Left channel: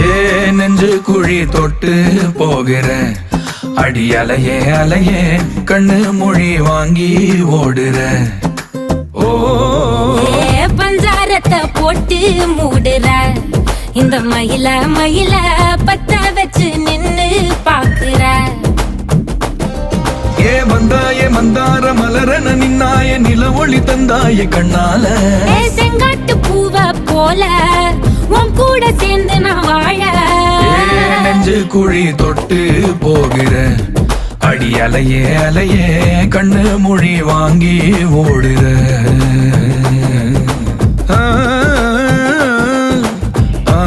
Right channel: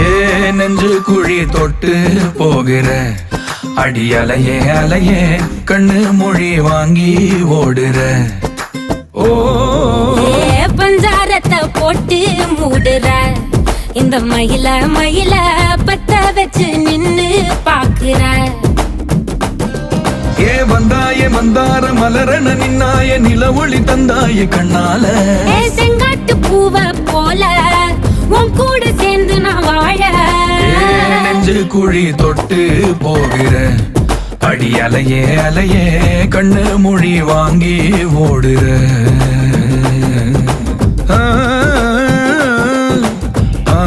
ஏ நெஞ்சு குழி தொட்டு போகிற அடி அலையே அலையே கண்ணு மொழி வாங்கி ஓடுற. ஓ பஞ்சாரத்தை போட்டு மூடுற இந்த மயில மயில பத்த வச்சு நின்னு பாக்குற. ஏ வந்தாய மந்தார மலரன நின்னாய நில ஒளி தந்தாய கண்ணால. செங்காட்டு பூவ போல உன் கூட சேர்ந்து நான் வாழ. நெஞ்சு குழி தொட்டு போகிற அடி அலையே அலையே கண்ணு மொழி வாங்கி ஓடுற. ஆ ஆ